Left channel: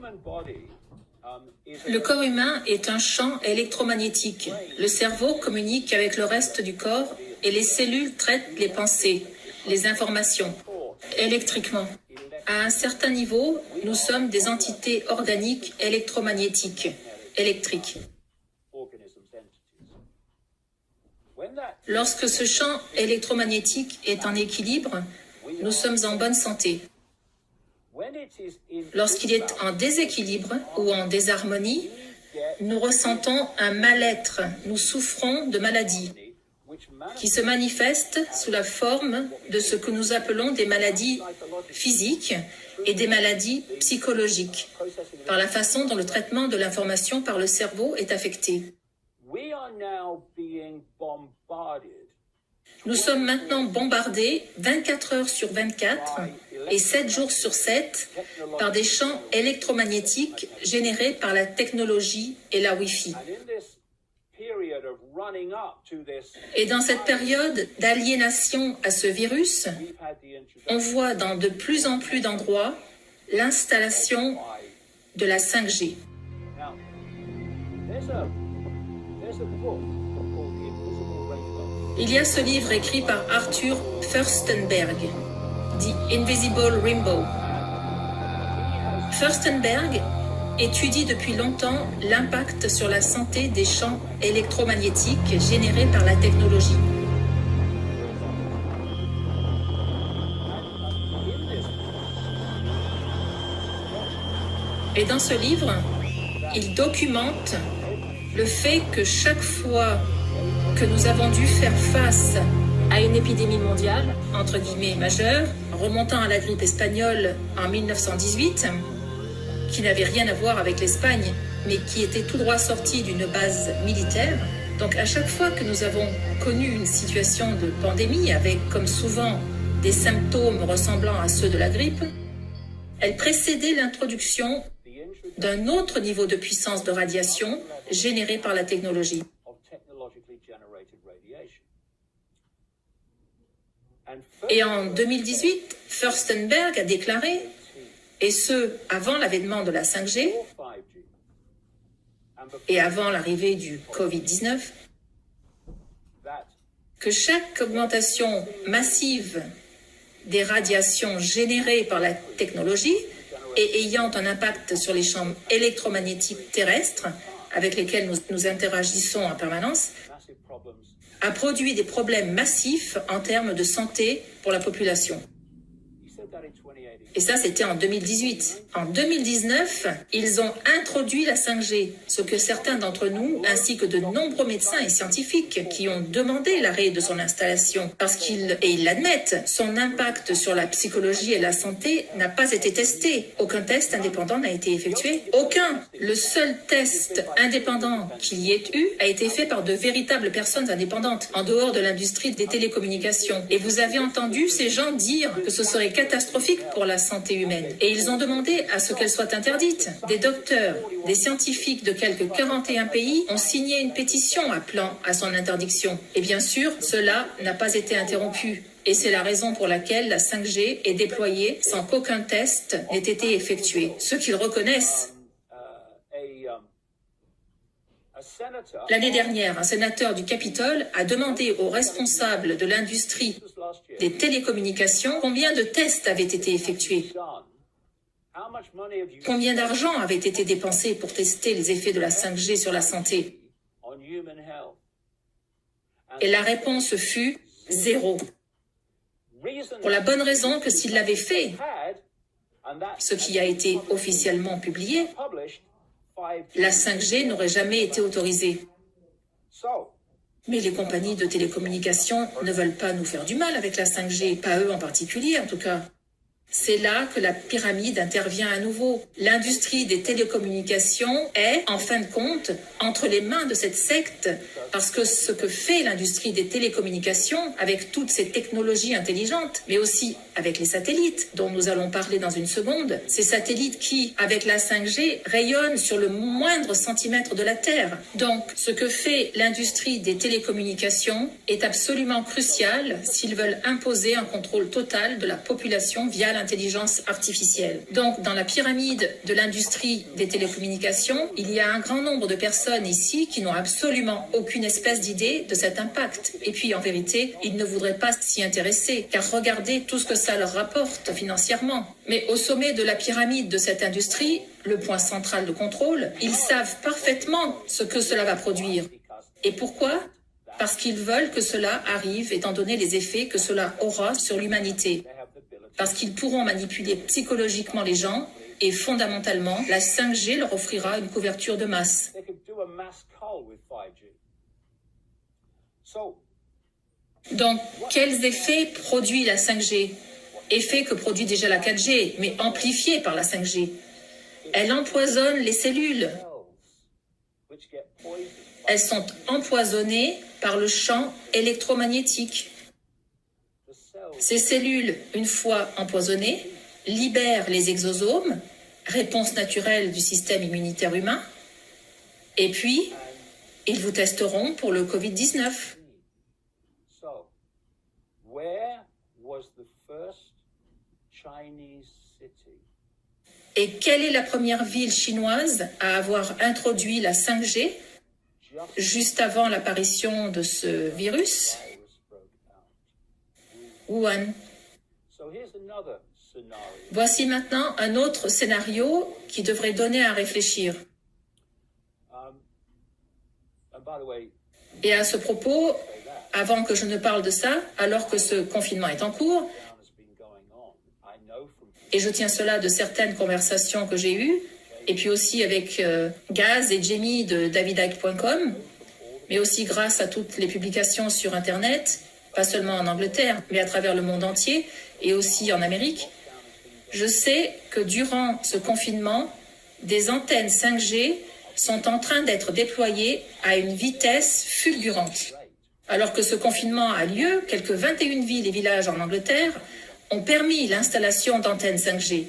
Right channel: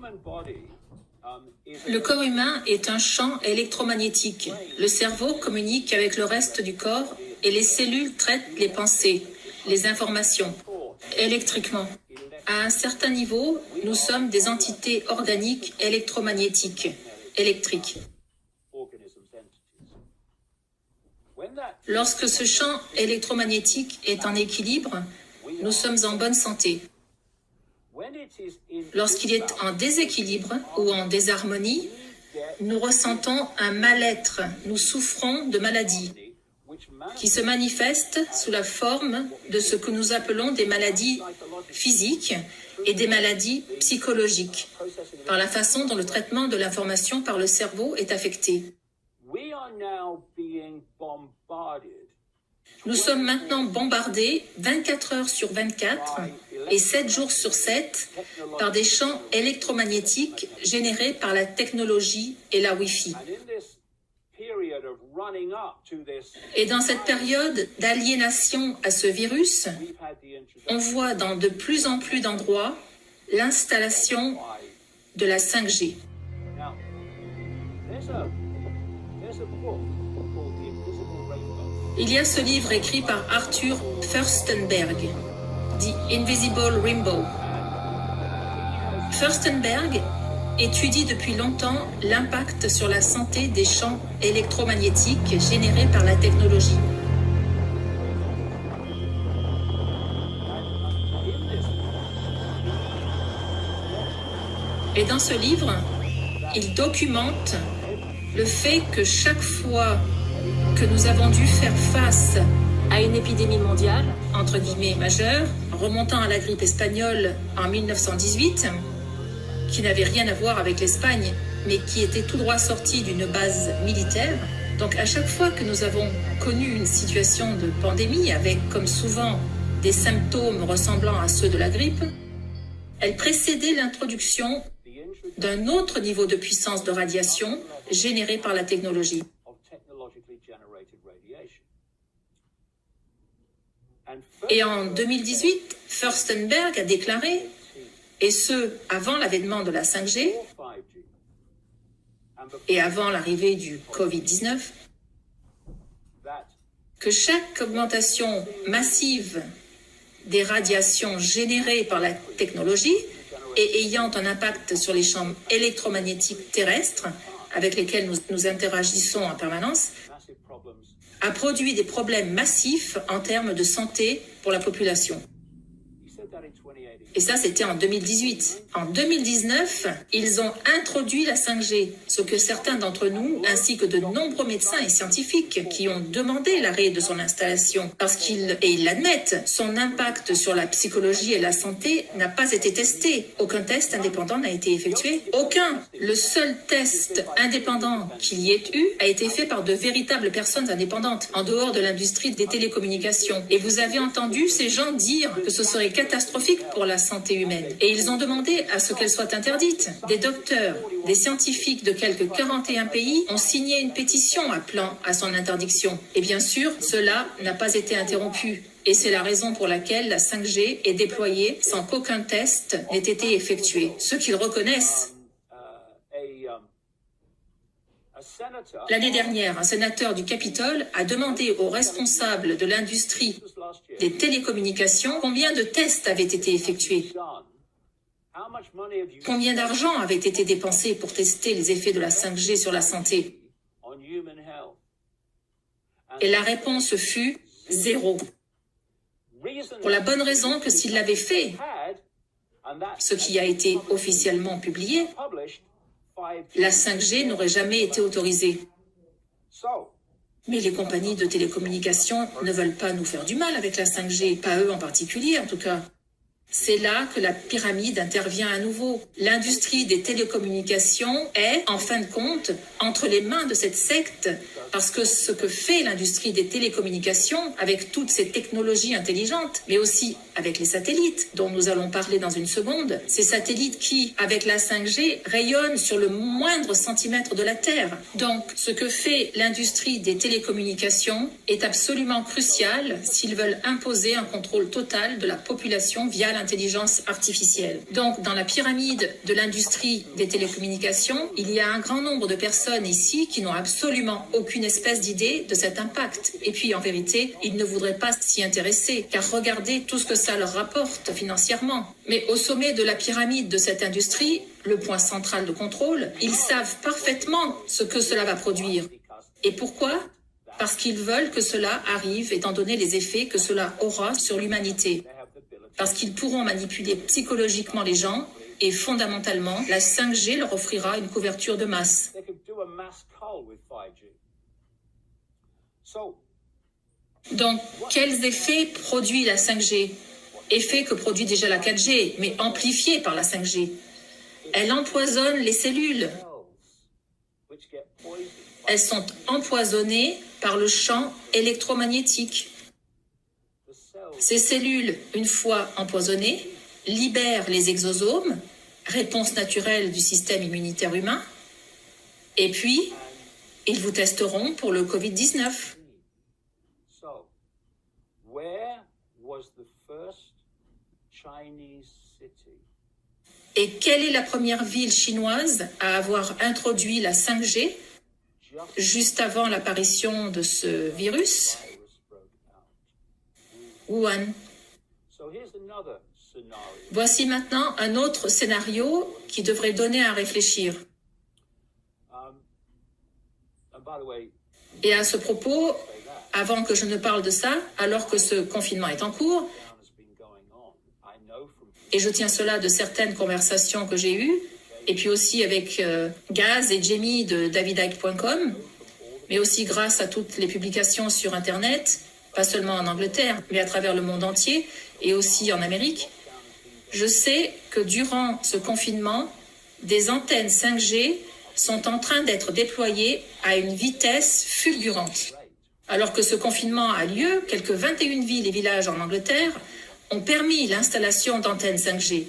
Le corps humain est un champ électromagnétique. Le cerveau communique avec le reste du corps et les cellules traitent les pensées, les informations, électriquement. À un certain niveau, nous sommes des entités organiques électromagnétiques, électriques. Lorsque ce champ électromagnétique est en équilibre, nous sommes en bonne santé. Lorsqu'il est en déséquilibre ou en désharmonie, nous ressentons un mal-être, nous souffrons de maladies qui se manifestent sous la forme de ce que nous appelons des maladies physiques et des maladies psychologiques, par la façon dont le traitement de l'information par le cerveau est affecté. Nous sommes maintenant bombardés 24 heures sur 24 et 7 jours sur 7 par des champs électromagnétiques générés par la technologie et la Wi-Fi. Et dans cette période d'aliénation à ce virus, on voit dans de plus en plus d'endroits l'installation de la 5G. Il y a ce livre écrit par Arthur Firstenberg, The Invisible Rainbow. Firstenberg étudie depuis longtemps l'impact sur la santé des champs électromagnétiques générés par la technologie. Et dans ce livre, il documente le fait que chaque fois que nous avons dû faire face à une épidémie mondiale, entre guillemets majeure, remontant à la grippe espagnole en 1918, qui n'avait rien à voir avec l'Espagne, mais qui était tout droit sortie d'une base militaire. Donc à chaque fois que nous avons connu une situation de pandémie, avec comme souvent des symptômes ressemblant à ceux de la grippe, elle précédait l'introduction d'un autre niveau de puissance de radiation généré par la technologie. Et en 2018, Firstenberg a déclaré, et ce, avant l'avènement de la 5G, et avant l'arrivée du Covid-19, que chaque augmentation massive des radiations générées par la technologie et ayant un impact sur les champs électromagnétiques terrestres avec lesquels nous interagissons en permanence, a produit des problèmes massifs en termes de santé pour la population. Et ça, c'était en 2018. En 2019, ils ont introduit la 5G, ce que certains d'entre nous, ainsi que de nombreux médecins et scientifiques qui ont demandé l'arrêt de son installation, parce qu'ils, et ils l'admettent, son impact sur la psychologie et la santé n'a pas été testé. Aucun test indépendant n'a été effectué. Aucun. Le seul test indépendant qu'il y ait eu a été fait par de véritables personnes indépendantes, en dehors de l'industrie des télécommunications. Et vous avez entendu ces gens dire que ce serait catastrophique pour la santé humaine. Et ils ont demandé à ce qu'elle soit interdite. Des docteurs, des scientifiques de quelques 41 pays ont signé une pétition appelant à son interdiction. Et bien sûr, cela n'a pas été interrompu. Et c'est la raison pour laquelle la 5G est déployée sans qu'aucun test n'ait été effectué. Ceux qu'ils reconnaissent. L'année dernière, un sénateur du Capitole a demandé aux responsables de l'industrie des télécommunications combien de tests avaient été effectués. Combien d'argent avait été dépensé pour tester les effets de la 5G sur la santé? Et la réponse fut 0. Pour la bonne raison que s'il l'avait fait, ce qui a été officiellement publié, la 5G n'aurait jamais été autorisée. Mais les compagnies de télécommunications ne veulent pas nous faire du mal avec la 5G, pas eux en particulier en tout cas. C'est là que la pyramide intervient à nouveau. L'industrie des télécommunications est, en fin de compte, entre les mains de cette secte, parce que ce que fait l'industrie des télécommunications, avec toutes ces technologies intelligentes, mais aussi avec les satellites, dont nous allons parler dans une seconde. Ces satellites qui, avec la 5G, rayonnent sur le moindre centimètre de la Terre. Donc, ce que fait l'industrie des télécommunications est absolument crucial s'ils veulent imposer un contrôle total de la population via l'intelligence artificielle. Donc, dans la pyramide de l'industrie des télécommunications, il y a un grand nombre de personnes ici qui n'ont absolument aucune espèce d'idée de cet impact. Et puis, en vérité, ils ne voudraient pas s'y intéresser, car regardez tout ce que ça leur rapporte financièrement. Mais au sommet de la pyramide de cette industrie, le point central de contrôle, ils savent parfaitement ce que cela va produire. Et pourquoi ? Parce qu'ils veulent que cela arrive, étant donné les effets que cela aura sur l'humanité. Parce qu'ils pourront manipuler psychologiquement les gens, et fondamentalement, la 5G leur offrira une couverture de masse. Donc, quels effets produit la 5G ? Effets que produit déjà la 4G, mais amplifiés par la 5G. Elle empoisonne les cellules. Elles sont empoisonnées par le champ électromagnétique. Ces cellules, une fois empoisonnées, libèrent les exosomes, réponse naturelle du système immunitaire humain, et puis, ils vous testeront pour le Covid-19. Et quelle est la première ville chinoise à avoir introduit la 5G juste avant l'apparition de ce virus ? Wuhan. Voici maintenant un autre scénario qui devrait donner à réfléchir. Et à ce propos, avant que je ne parle de ça, alors que ce confinement est en cours, et je tiens cela de certaines conversations que j'ai eues, et puis aussi avec Gaz et Jamie de davidicke.com, mais aussi grâce à toutes les publications sur Internet, pas seulement en Angleterre, mais à travers le monde entier, et aussi en Amérique. Je sais que durant ce confinement, des antennes 5G sont en train d'être déployées à une vitesse fulgurante. Alors que ce confinement a lieu, quelques 21 villes et villages en Angleterre ont permis l'installation d'antennes 5G.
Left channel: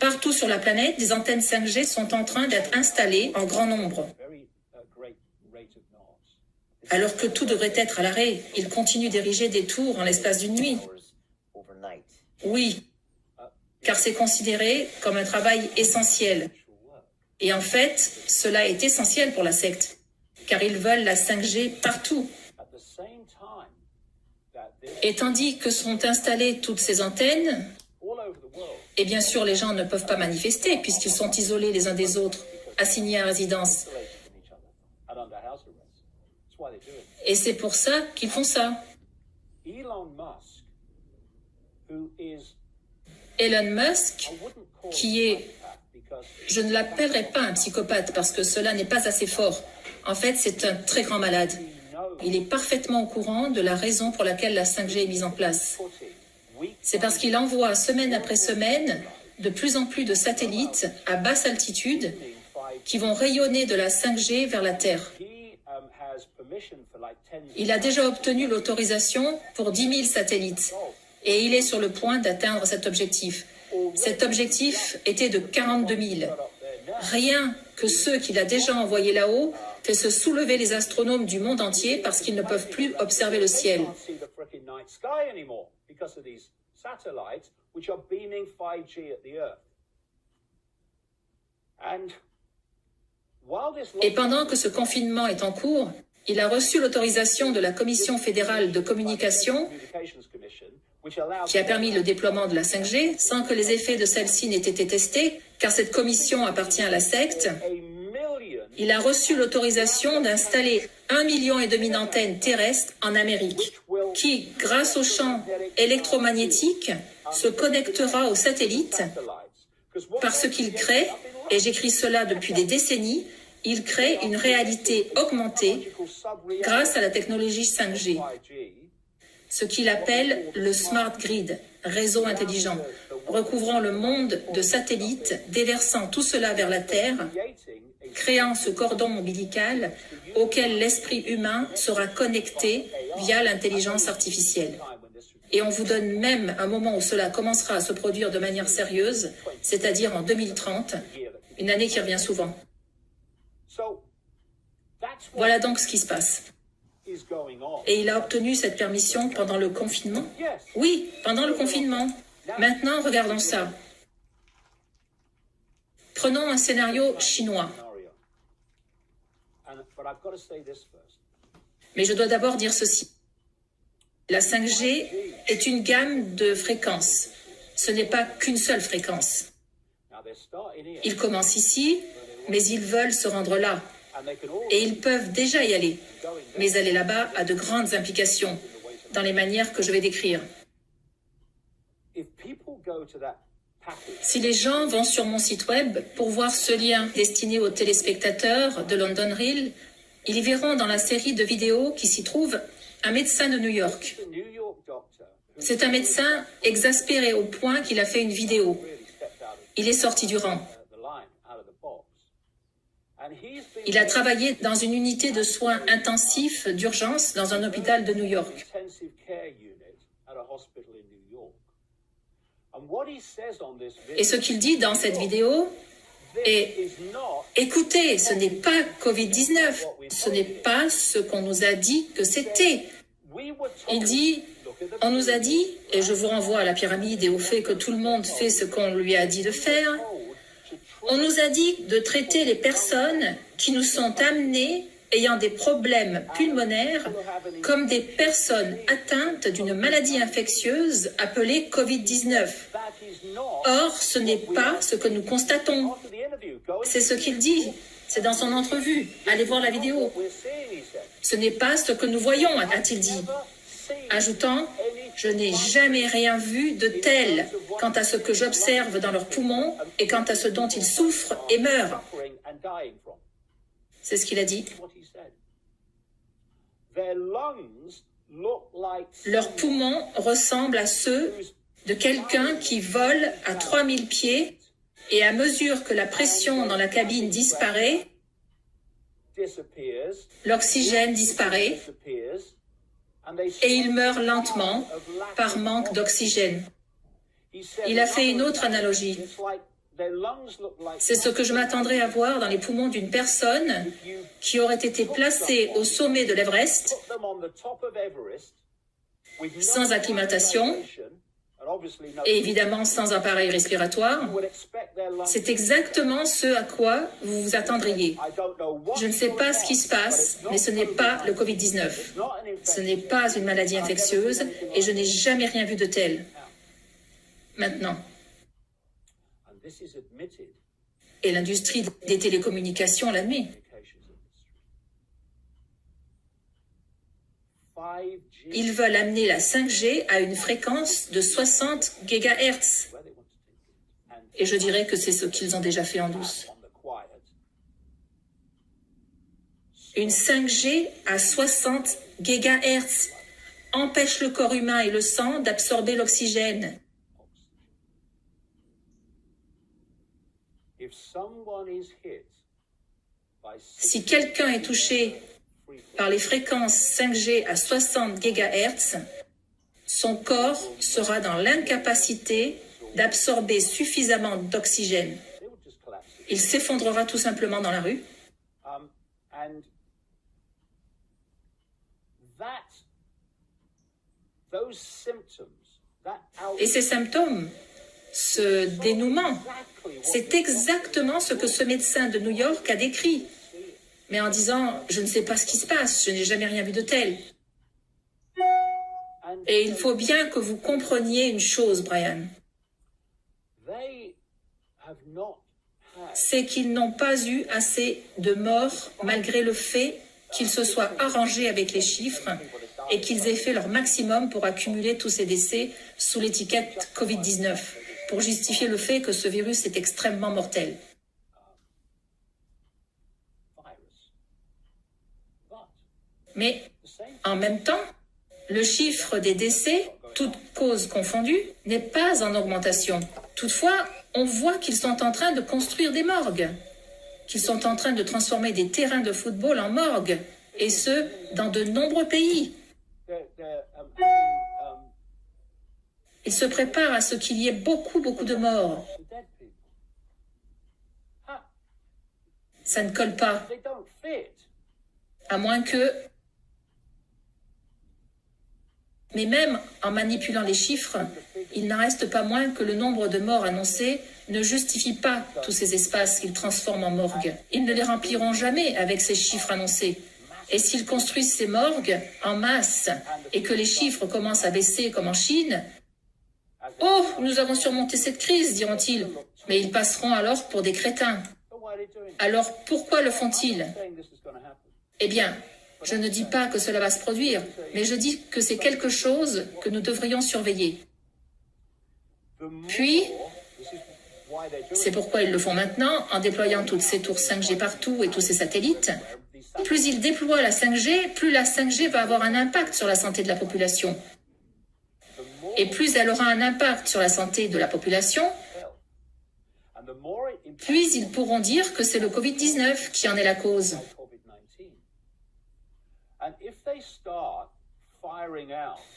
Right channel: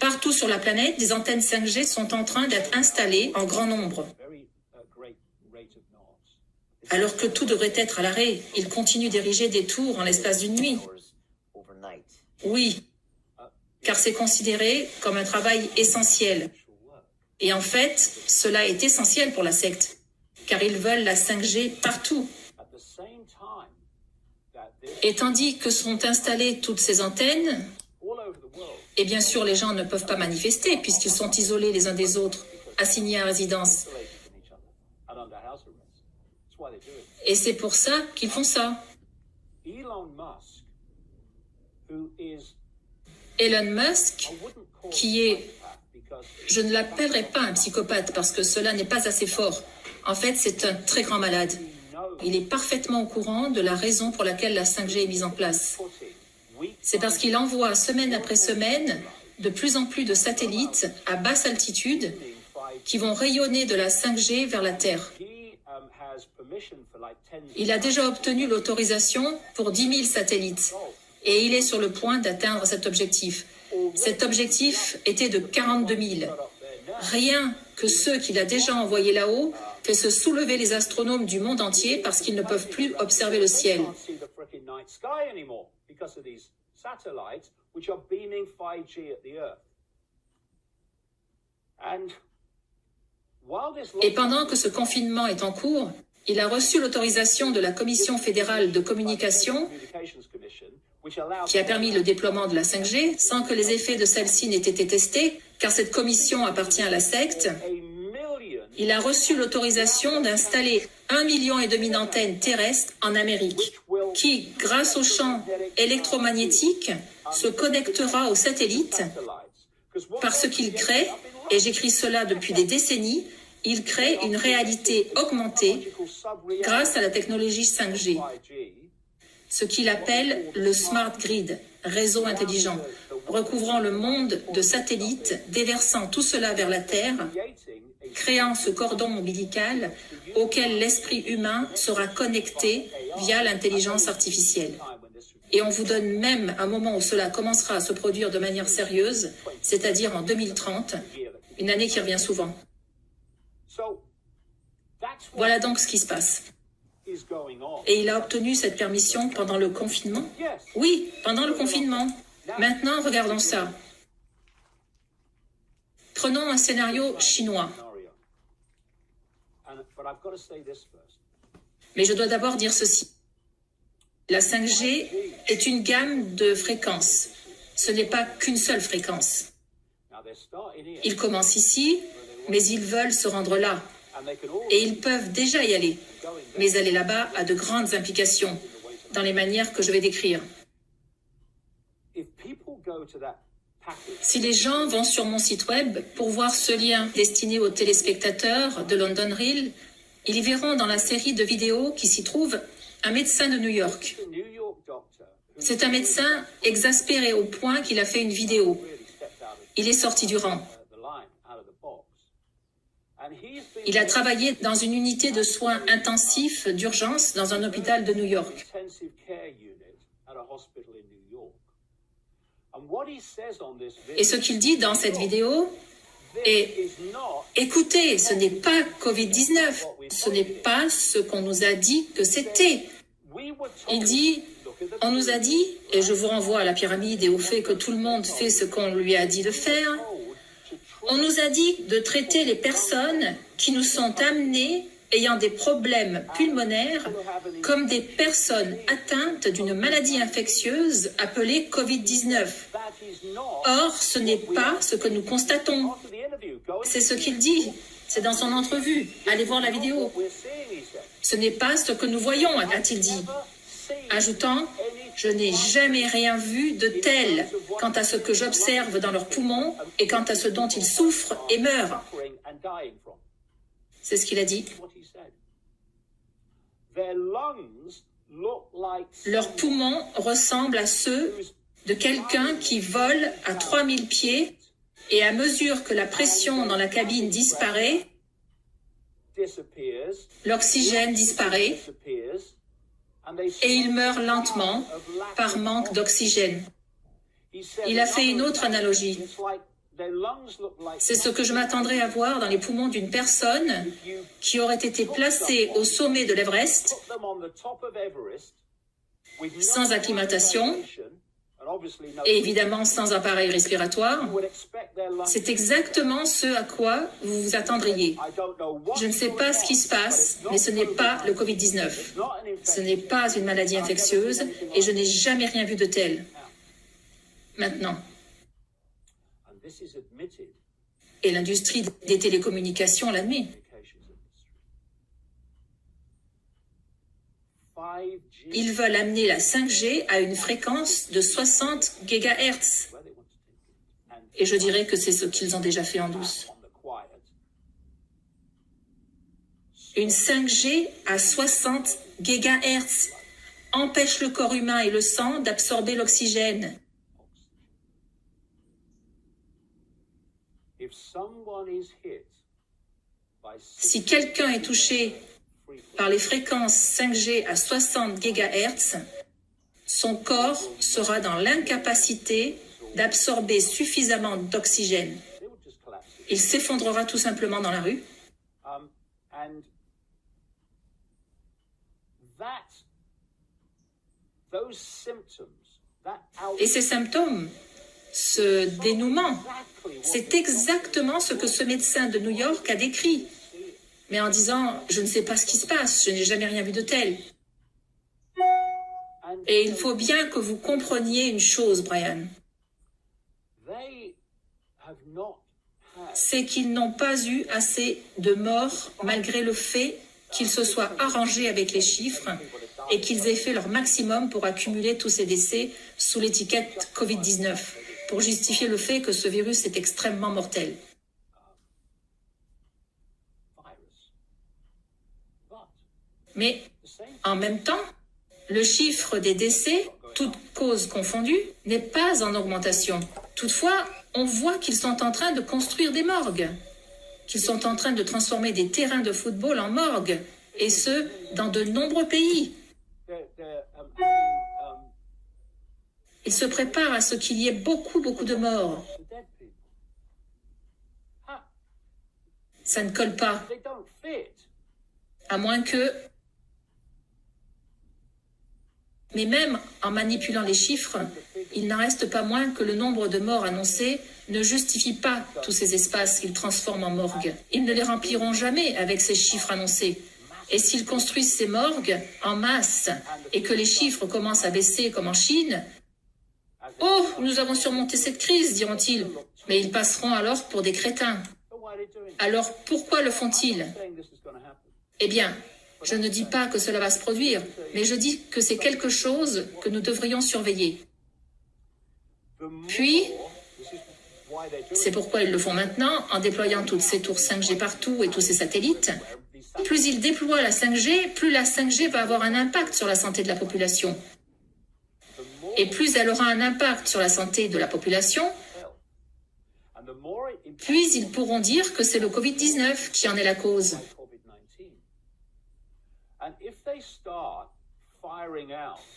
Partout sur la planète, des antennes 5G sont en train d'être installées en grand nombre. Alors que tout devrait être à l'arrêt, ils continuent d'ériger des tours en l'espace d'une nuit. Oui, car c'est considéré comme un travail essentiel. Et en fait, cela est essentiel pour la secte, car ils veulent la 5G partout. Et tandis que sont installées toutes ces antennes, et bien sûr les gens ne peuvent pas manifester puisqu'ils sont isolés les uns des autres, assignés à résidence. Et c'est pour ça qu'ils font ça. Elon Musk, qui est, je ne l'appellerai pas un psychopathe parce que cela n'est pas assez fort. En fait, c'est un très grand malade. Il est parfaitement au courant de la raison pour laquelle la 5G est mise en place. C'est parce qu'il envoie semaine après semaine de plus en plus de satellites à basse altitude qui vont rayonner de la 5G vers la Terre. Il a déjà obtenu l'autorisation pour 10 000 satellites et il est sur le point d'atteindre cet objectif. Cet objectif était de 42 000. Rien que ceux qu'il a déjà envoyés là-haut fait se soulever les astronomes du monde entier parce qu'ils ne peuvent plus observer le ciel. Et pendant que ce confinement est en cours, il a reçu l'autorisation de la Commission fédérale de communication qui a permis le déploiement de la 5G sans que les effets de celle-ci n'aient été testés, car cette commission appartient à la secte. Il a reçu l'autorisation d'installer 1,5 million d'antennes terrestres en Amérique, qui, grâce au champ électromagnétique, se connectera aux satellites parce qu'il crée, et j'écris cela depuis des décennies, il crée une réalité augmentée grâce à la technologie 5G, ce qu'il appelle le Smart Grid, réseau intelligent, recouvrant le monde de satellites, déversant tout cela vers la Terre, créant ce cordon ombilical auquel l'esprit humain sera connecté via l'intelligence artificielle. Et on vous donne même un moment où cela commencera à se produire de manière sérieuse, c'est-à-dire en 2030, une année qui revient souvent. Voilà donc ce qui se passe. Et il a obtenu cette permission pendant le confinement? Oui, pendant le confinement. Maintenant, regardons ça. Prenons un scénario chinois. Mais je dois d'abord dire ceci. La 5G est une gamme de fréquences. Ce n'est pas qu'une seule fréquence. Ils commencent ici, mais ils veulent se rendre là. Et ils peuvent déjà y aller. Mais aller là-bas a de grandes implications dans les manières que je vais décrire. Si les gens vont sur mon site web pour voir ce lien destiné aux téléspectateurs de London Real, ils y verront dans la série de vidéos qui s'y trouve un médecin de New York. C'est un médecin exaspéré au point qu'il a fait une vidéo. Il est sorti du rang. Il a travaillé dans une unité de soins intensifs d'urgence dans un hôpital de New York. Et ce qu'il dit dans cette vidéo est « Écoutez, ce n'est pas Covid-19, ce n'est pas ce qu'on nous a dit que c'était. » Il dit « On nous a dit, et je vous renvoie à la pyramide et au fait que tout le monde fait ce qu'on lui a dit de faire, on nous a dit de traiter les personnes qui nous sont amenées ayant des problèmes pulmonaires comme des personnes atteintes d'une maladie infectieuse appelée Covid-19. Or, ce n'est pas ce que nous constatons. C'est ce qu'il dit. C'est dans son entrevue. Allez voir la vidéo. Ce n'est pas ce que nous voyons, a-t-il dit. Ajoutant, je n'ai jamais rien vu de tel quant à ce que j'observe dans leurs poumons et quant à ce dont ils souffrent et meurent. C'est ce qu'il a dit. Leurs poumons ressemblent à ceux de quelqu'un qui vole à 3000 pieds et à mesure que la pression dans la cabine disparaît, l'oxygène disparaît et il meurt lentement par manque d'oxygène. Il a fait une autre analogie. C'est ce que je m'attendrais à voir dans les poumons d'une personne qui aurait été placée au sommet de l'Everest, sans acclimatation et évidemment sans appareil respiratoire. C'est exactement ce à quoi vous vous attendriez. Je ne sais pas ce qui se passe, mais ce n'est pas le Covid-19. Ce n'est pas une maladie infectieuse et je n'ai jamais rien vu de tel. Maintenant. Et l'industrie des télécommunications l'admet. Ils veulent amener la 5G à une fréquence de 60 GHz. Et je dirais que c'est ce qu'ils ont déjà fait en douce. Une 5G à 60 GHz empêche le corps humain et le sang d'absorber l'oxygène. Si quelqu'un est touché par les fréquences 5G à 60 GHz, son corps sera dans l'incapacité d'absorber suffisamment d'oxygène. Il s'effondrera tout simplement dans la rue. Et ces symptômes, ce dénouement, c'est exactement ce que ce médecin de New York a décrit. Mais en disant, je ne sais pas ce qui se passe, je n'ai jamais rien vu de tel. Et il faut bien que vous compreniez une chose, Brian. C'est qu'ils n'ont pas eu assez de morts malgré le fait qu'ils se soient arrangés avec les chiffres et qu'ils aient fait leur maximum pour accumuler tous ces décès sous l'étiquette Covid-19, pour justifier le fait que ce virus est extrêmement mortel. Mais en même temps, le chiffre des décès, toutes causes confondues, n'est pas en augmentation. Toutefois, on voit qu'ils sont en train de construire des morgues, qu'ils sont en train de transformer des terrains de football en morgues, et ce, dans de nombreux pays. Ils se préparent à ce qu'il y ait beaucoup, beaucoup de morts. Ça ne colle pas. À moins que... Mais même en manipulant les chiffres, il n'en reste pas moins que le nombre de morts annoncés ne justifie pas tous ces espaces qu'ils transforment en morgues. Ils ne les rempliront jamais avec ces chiffres annoncés. Et s'ils construisent ces morgues en masse et que les chiffres commencent à baisser comme en Chine, « Oh, nous avons surmonté cette crise », diront-ils. Mais ils passeront alors pour des crétins. Alors pourquoi le font-ils? Eh bien, je ne dis pas que cela va se produire, mais je dis que c'est quelque chose que nous devrions surveiller. Puis, c'est pourquoi ils le font maintenant, en déployant toutes ces tours 5G partout et tous ces satellites. Plus ils déploient la 5G, plus la 5G va avoir un impact sur la santé de la population. Et plus elle aura un impact sur la santé de la population, puis ils pourront dire que c'est le Covid-19 qui en est la cause.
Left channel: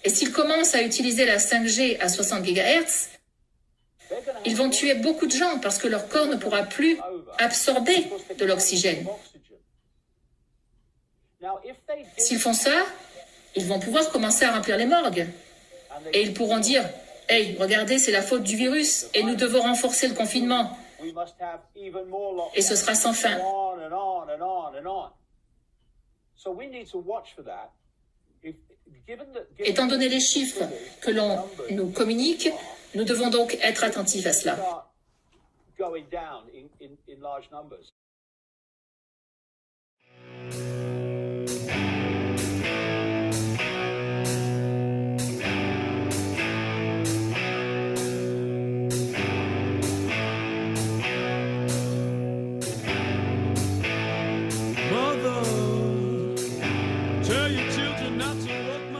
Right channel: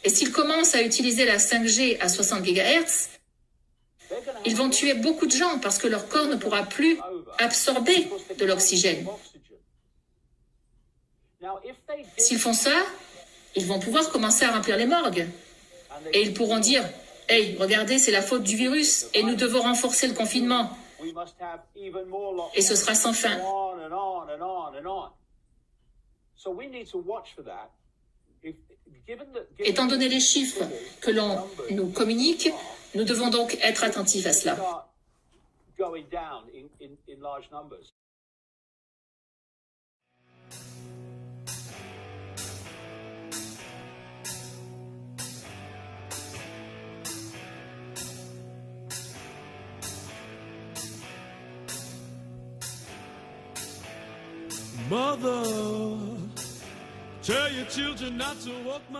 Et s'ils commencent à utiliser la 5G à 60 GHz, ils vont tuer beaucoup de gens parce que leur corps ne pourra plus absorber de l'oxygène. S'ils font ça, ils vont pouvoir commencer à remplir les morgues. Et ils pourront dire « Hey, regardez, c'est la faute du virus et nous devons renforcer le confinement. » Et ce sera sans fin. Étant donné les chiffres que l'on nous communique, nous devons donc être attentifs à cela. Mother, tell your children not to walk my